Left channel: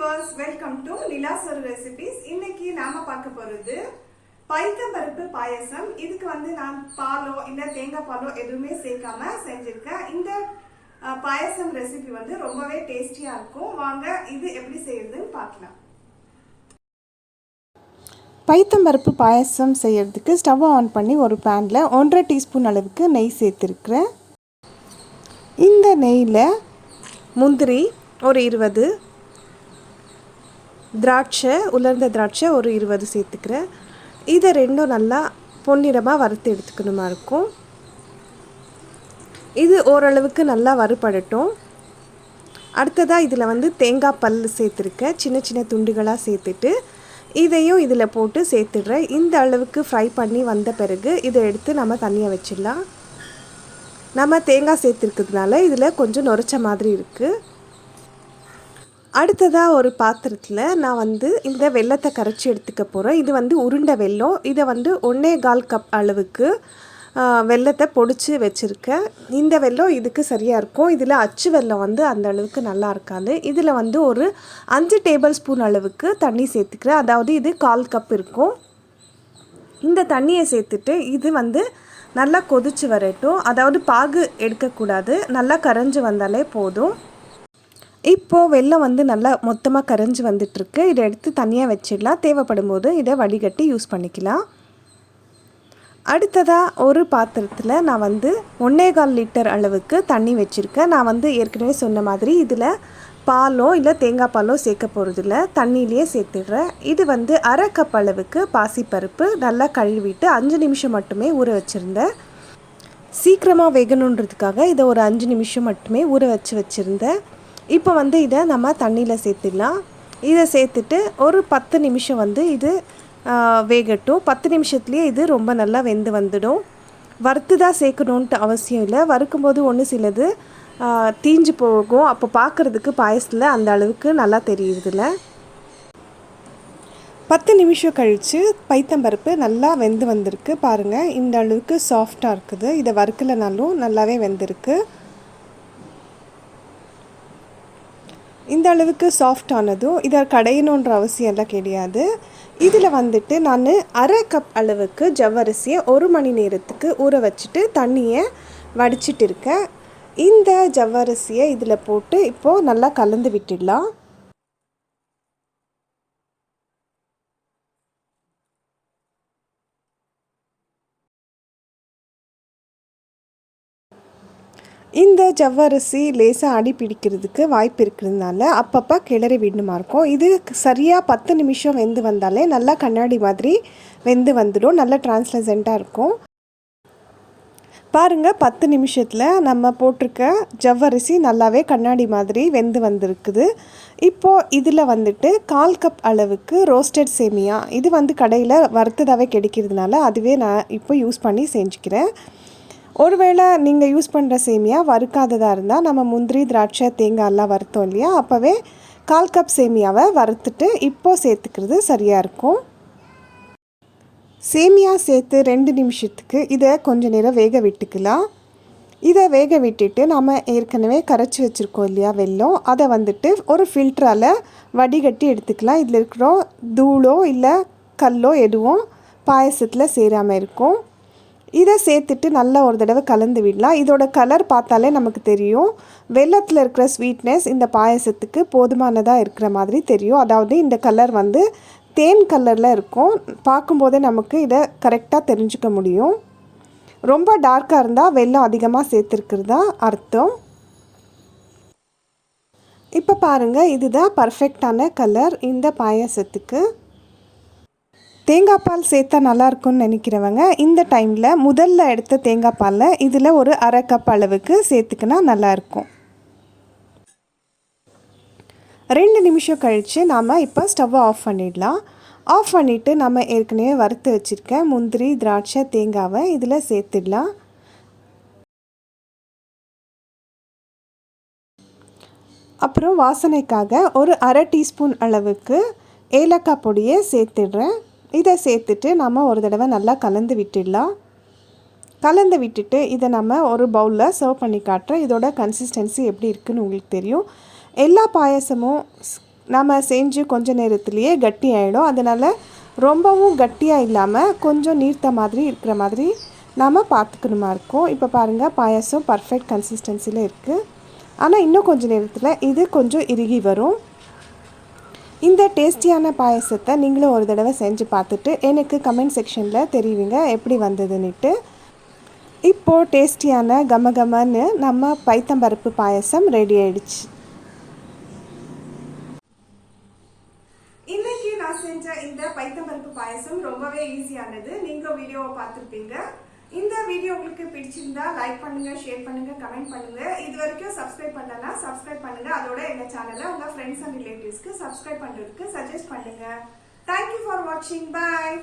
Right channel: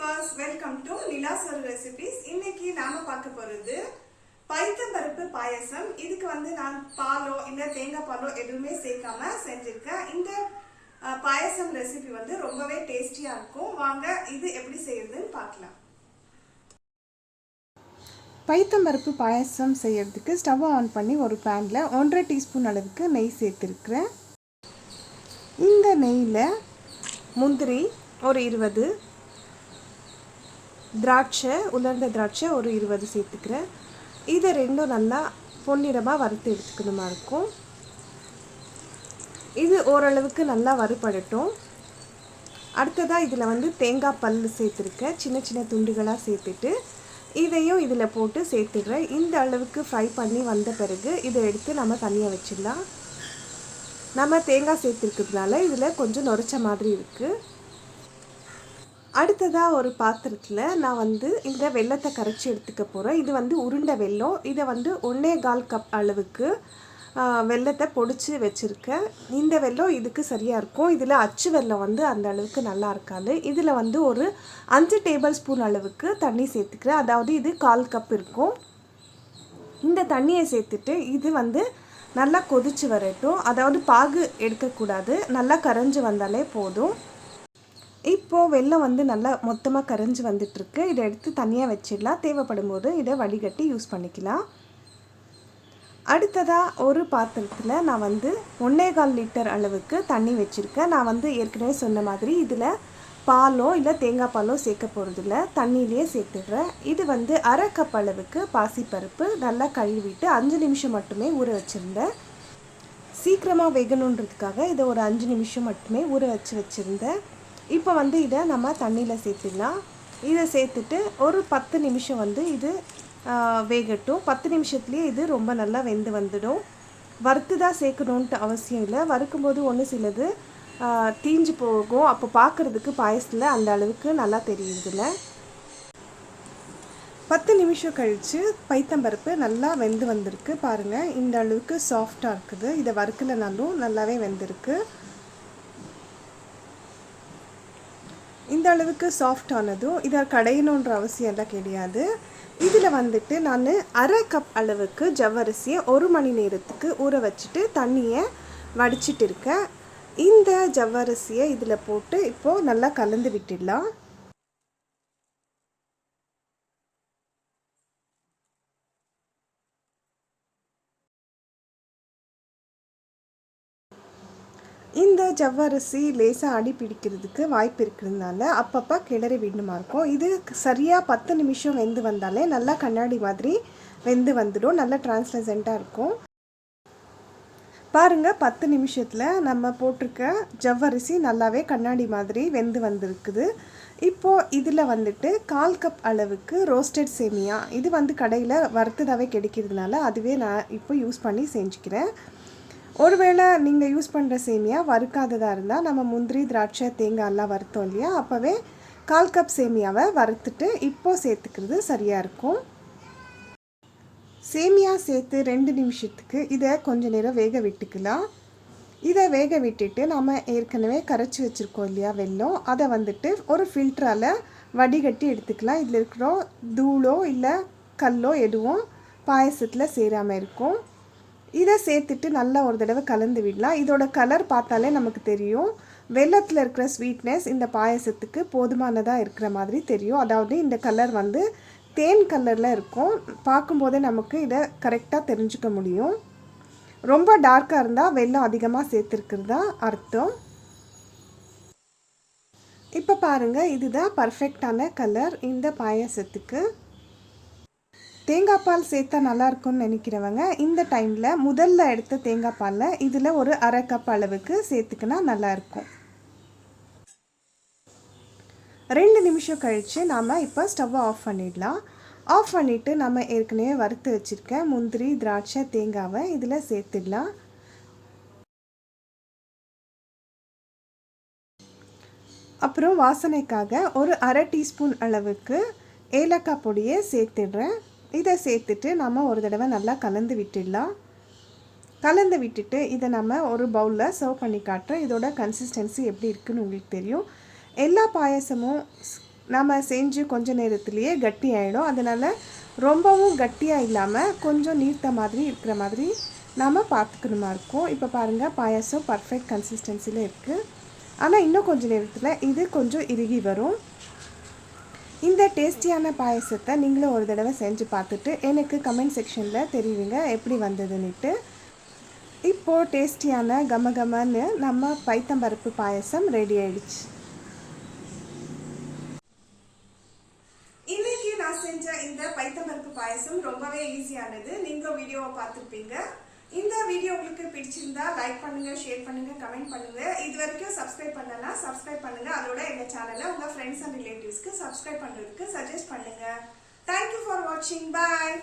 viewers, welcome to Nila's Recipes. இன்னைக்கு நாம பார்க்க போறது பைத்தம் பருப்பு பாயசம். இதுக்கு நான் பாலோ இல்ல தேங்காய் பாலோ எதுவுமே சேர்க்காம செஞ்சிருக்கேன். இந்த பாயசம் ரெசிபி ரொம்பவே டேஸ்டியா இருக்கும். வாங்க இது எப்படி செய்யறதுன்னு பார்க்கலாம். பைத்தம் பருப்பு பாயசம் செய்யறதுக்கு ஸ்டவ் ஆன் பண்ணி ஒரு பேன்ல 1.5 டீஸ்பூன் அளவுக்கு நெய் சேர்த்திருக்கிறேன். இந்த நெய்யில் முந்திரி ஒரு 20, திராட்சை உலர்ந்த திராட்சை ஒரு 20 சேர்த்துக்கிறேன். இதை ரெண்டும் நல்லா பொன்னிறமாக வறுத்து எடுத்துக்கணுமா இருக்கும். இது ஓரளவுக்கு நல்லா வறுபடட்டும். அடுத்ததாக இதில் தேங்காய் பல் சேர்த்துருக்கேன். சின்ன சின்ன துண்டுகளாக சேர்த்துட்டு இதையும் இதில் போட்டு சேர்த்துடுறேன். இந்த அளவுக்கு ஃப்ரை பண்ணி வந்த பிறகு இதை எடுத்து நம்ம தனியாக வச்சிடலாம். நம்ம தேங்காய் சேர்த்துருக்கிறதுனால இதில் கொஞ்சம் நுரைச்ச மாதிரி இருக்குது. அடுத்ததாக ஒரு பாத்திரத்தில் நான் இந்த வெல்லத்தை கரைச்சி எடுத்துக்க போகிறேன். இது உருண்டை வெல்லம். இதை 1.25 கப் அளவுக்கு வெல்லத்தை பொடிச்சு வச்சுருக்கேன். இந்த வெல்லம் இதுக்கு சரியாக இருக்கும். இதில் அச்சு வெல்லம் அந்த அளவுக்கு நல்லா இருக்காது. இதில் ஒரு 5 டேபிள் ஸ்பூன் அளவுக்கு தண்ணி சேர்த்துக்கிறேன். அதாவது இது 1/4 கப் இருக்கும். இந்த தண்ணியை சேர்த்துட்டு இது நல்லா கொதிச்சு வரட்டும். அதாவது பாகு எடுக்கக்கூடாது, நல்லா கரைஞ்சி வந்தாலே போதும். இப்போது வெல்லம் நல்லா மொத்தமாக கரைஞ்சி வந்துட்டுருக்கு. இதை எடுத்து தனியாக வச்சிடலாம். தேவைப்படும் போது இதை வடிகட்டி யூஸ் பண்ணிக்கலாம். அடுத்ததாக ஒரு பாத்திரத்தில் நான் 1.25 லிட்டர் அளவுக்கு தண்ணி வச்சுருக்கேன். நான் ஏற்கனவே சொன்ன மாதிரி இதில் பாலோ இல்லை தேங்காய் பாலோ சேர்க்க போகிறதில்ல, தண்ணியிலேயே சேர்த்துடுறேன். இது 1/2 கப் அளவுக்கு பாசிப்பருப்பு நல்லா கழுவிட்டு 5 நிமிஷம் மட்டுமே ஊற வச்சுருந்தேன். சீக்கிரமாக வேகணுன்றதுக்காக இதை ஒரு 5 நிமிஷம் மட்டுமே ஊற வச்சுருந்தேன். இப்போ இதை நம்ம தண்ணியில் சேர்த்துடலாம். இதை சேர்த்துட்டு ஒரு 10 நிமிஷம் இது வேகட்டும். 10 நிமிஷத்துலேயே இது ரொம்ப நல்லா வெந்து வந்துடும். வறுத்து தான் சேர்க்கணுன்ட்டு அவசியம் இல்லை. வறுக்கும்போது ஒன்று சிலது தீஞ்சு போகும். அப்போ பார்க்குறதுக்கு பாயசத்தில் அந்த அளவுக்கு நல்லா தெரியுதுல்ல. 10 நிமிஷம் கழித்து பைத்தம்பருப்பு நல்லா வெந்து வந்திருக்கு. பாருங்கள், இந்த அளவுக்கு சாஃப்டாக இருக்குது. இதை வறுக்கலைனாலும் நல்லாவே வெந்திருக்கு. இந்த அளவுக்கு சாஃப்ட் ஆனதும் இதை கடையணுன்ற அவசியம் எல்லாம் கிடையாது. இதில் நான் 1/2 கப் அளவுக்கு ஜவ்வரிசியை 1 மணி நேரத்துக்கு ஊற வச்சுட்டு தண்ணியை வடிச்சிட்டு இருக்கேன். இந்த ஜவ்வரிசியை இதில் போட்டு இப்போது நல்லா கலந்து விட்டுடலாம். இந்த ஜவ்வரிசி லேசாக அடி பிடிக்கிறதுக்கு வாய்ப்பு இருக்கிறதுனால அப்பப்போ கிளறி விடணுமா இருக்கும். இது சரியாக 10 நிமிஷம் வெந்து வந்தாலே நல்லா கண்ணாடி மாதிரி வெந்து வந்துடும். நல்லா டிரான்ஸ்லசென்ட்டாக இருக்கும். பாருங்கள், 10 நிமிஷத்தில் நம்ம போட்டிருக்க ஜவ்வரிசி நல்லாவே கண்ணாடி மாதிரி வெந்து வந்திருக்குது. இப்போது இதில் 1/4 கப் அளவுக்கு ரோஸ்டட் சேமியா. இது கடையில் வறுத்ததாகவே கிடைக்கிறதுனால அதுவே நான் இப்போ யூஸ் பண்ணி செஞ்சுக்கிறேன். ஒருவேளை நீங்கள் யூஸ் பண்ணுற சேமியா வறுக்காததாக இருந்தால் நம்ம முந்திரி திராட்சை தேங்காயெல்லாம் வறுத்தோம் இல்லையா, அப்போவே 1/4 கப் சேமியாவை வறுத்துட்டு இப்போது சேர்த்துக்கிறது சரியாக இருக்கும். சேமியா சேர்த்து 2 நிமிஷத்துக்கு இதை கொஞ்சம் நேரம் வேக விட்டுக்கலாம். இதை வேக விட்டுட்டு நம்ம ஏற்கனவே கரைச்சி வச்சுருக்கோம் இல்லையா வெல்லம், அதை ஒரு ஃபில்டரால் வடிகட்டி எடுத்துக்கலாம். இதில் இருக்கிற தூளோ இல்லை கல்லோ எதுவும் பாயசத்தில் சேராமல் இருக்கும். இதை சேர்த்துட்டு நல்லா ஒரு தடவை கலந்து விடலாம். இதோட கலர் பார்த்தாலே நமக்கு தெரியும். வெல்லத்தில் இருக்கிற ஸ்வீட்னஸ் இந்த பாயசத்துக்கு போதுமானதாக இருக்கிற மாதிரி தெரியும். அதாவது இந்த கலர் தேன் கலரில் இருக்கும். பார்க்கும்போதே நமக்கு இதை கரெக்டாக தெரிஞ்சுக்க முடியும். ரொம்ப டார்க்காக இருந்தால் வெல்லம் அதிகமாக சேர்த்துருக்கிறதா அர்த்தம். இப்போ பாருங்கள், இதுதான் பர்ஃபெக்டான கலர் இந்த பாயசத்துக்கு. தேங்காய் பால் சேர்த்தா நல்லாயிருக்கும்னு நினைக்கிறவங்க இந்த டைமில் முதல்ல எடுத்த தேங்காய் பாலில் இதில் ஒரு 1/2 கப் அளவுக்கு சேர்த்துக்கினா நல்லாயிருக்கும். 2 நிமிஷம் கழித்து நாம் இப்போ ஸ்டவ்வை ஆஃப் பண்ணிடலாம். ஆஃப் பண்ணிவிட்டு நம்ம ஏற்கனவே வறுத்து வச்சுருக்க முந்திரி திராட்சை தேங்காவை இதில் சேர்த்துடலாம். அப்புறம் வாசனைக்காக ஒரு 1/2 டீஸ்பூன் அளவுக்கு ஏலக்காய் பொடியை சேர்த்துடுறேன். இதை சேர்த்துட்டு நம்ம ஒரு தடவை நல்லா கலந்து விட்டுடலாம். கலந்து விட்டுட்டு இதை நம்ம ஒரு பவுலில் சர்வ் பண்ணி காட்டுறேன். இதோட கன்சிஸ்டன்சி எப்படி இருக்குதுன்னு உங்களுக்கு தெரியும். எல்லா பாயசமும் நம்ம செஞ்சு கொஞ்ச நேரத்துலேயே கட்டி ஆகிடும். அதனால் ரொம்பவும் கட்டியாக இல்லாமல் கொஞ்சம் நீர்த்த மாதிரி இருக்கிற மாதிரி நாம் பார்த்துக்கணுமா இருக்கும். இப்போ பாருங்கள், பாயாசம் பர்ஃபெக்ட் கன்சிஸ்டன்சியில் இருக்குது. ஆனால் இன்னும் கொஞ்சம் நேரத்தில் இது கொஞ்சம் இறுகி வரும். இந்த டேஸ்டியான பாயாசத்தை நீங்களும் ஒரு தடவை செஞ்சு பார்த்துட்டு எனக்கு கமெண்ட் செக்ஷனில் தெரிவிங்க எப்படி வந்ததுன்னுட்டு. இப்போது டேஸ்டியான கமகமன்னு நம்ம பைத்தம்பருப்பு பாயாசம் ரெடி ஆயிடுச்சு. இன்னைக்கு நான் செஞ்ச இந்த பைத்தம்பருப்பு பாயாசம் ரொம்பவே ஈஸியானது. நீங்களும் வீடியோவை பார்த்துருப்பீங்க. இந்த வீடியோ உங்களுக்கு பிடிச்சிருந்தா லைக் பண்ணுங்க, ஷேர் பண்ணுங்க, கமெண்ட் பண்ணுங்க. இது வரைக்கும் சப்ஸ்கிரைப் பண்ணலன்னா சப்ஸ்கிரைப் பண்ணுங்க. அதோட எங்க சேனலை உங்க ஃப்ரெண்ட்ஸ் அண்ட் ரிலேட்டிவ்ஸ்க்கு சப்ஸ்கிரைப் பண்றதுக்கு சஜஸ்ட் பண்ணுங்க. தேங்க்யூ ஃபார் வாட்சிங். பாய்.